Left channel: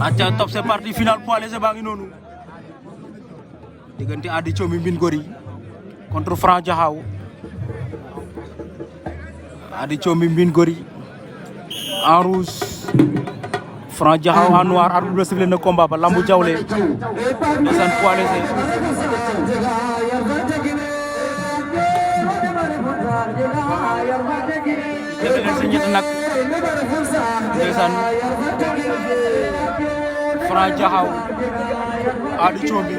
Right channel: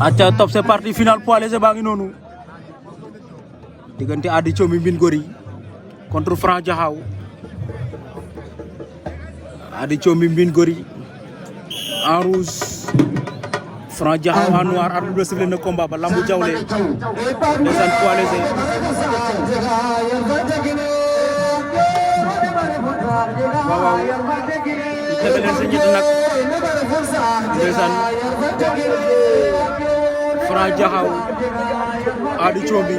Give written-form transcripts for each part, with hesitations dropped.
Acha top c'est parti final poids léger baa ngi noonu diggante Ady Thiomy Mbine Gory contre Franc Diakhao. Ady Thiomy Mbine Gory en rouge, Franc Diakhao en noir. Arbitre bi sifflé na combat ba lambu jawle ndeysaan poids léger. waaw tegal leen si ñett nag ndeysaan Franc Diakhao Ady Thiomy.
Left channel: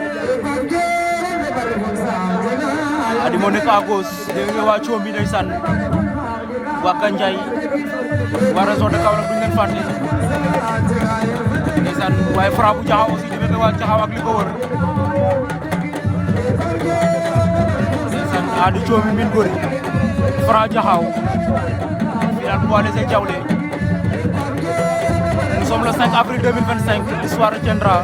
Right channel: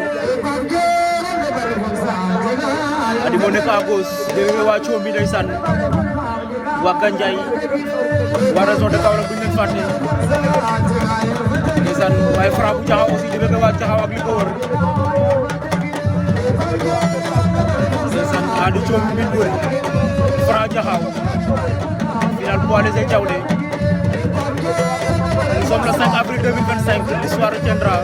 Ady moo nekk à gauche dégg nga waa Thiomy ndeysaan waa Gandiaye waa région de Kaolack bu ñu leen fàtte ndeysaan waaye Franc bu Diakhao aussi dégg nga waa Diakhao ak li ko wër ndeysaan Ady Thiomy Mbine Gory Franc Diakhao final poids léger Diawlé. Nous sommes le 5 avril 2025, l'histoire retiendra.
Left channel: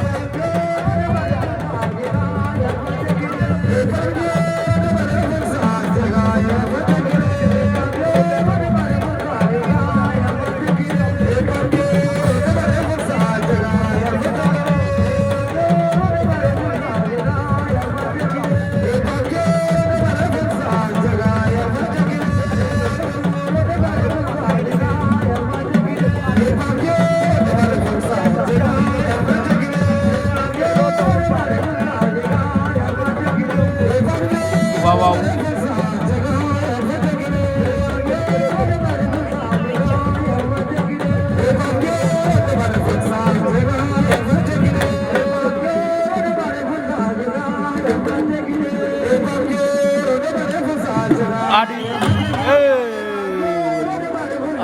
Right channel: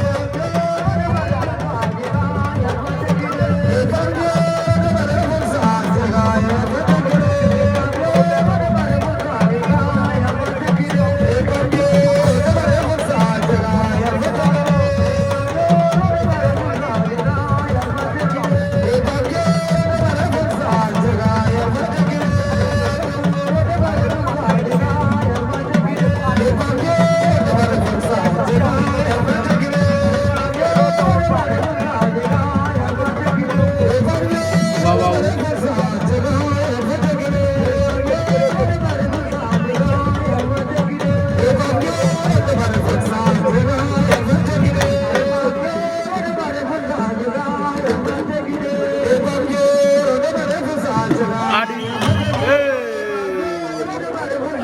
Wow.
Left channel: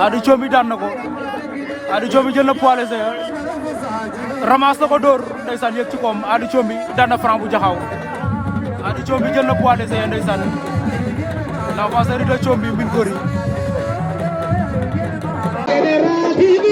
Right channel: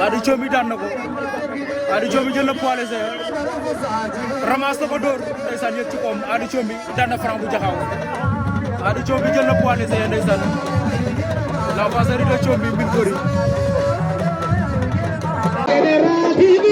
Ady Thiomy daan na ko. Ady Thiomy jël na poids léger ramasse na ko dóor ndeysaan yëg ci koom. Ady Thiomy daan na Franc bu Diakhao. Ady Thiomy jël na poids léger ndeysaan la vacherie de Thiomy Mbine Gory. General TV,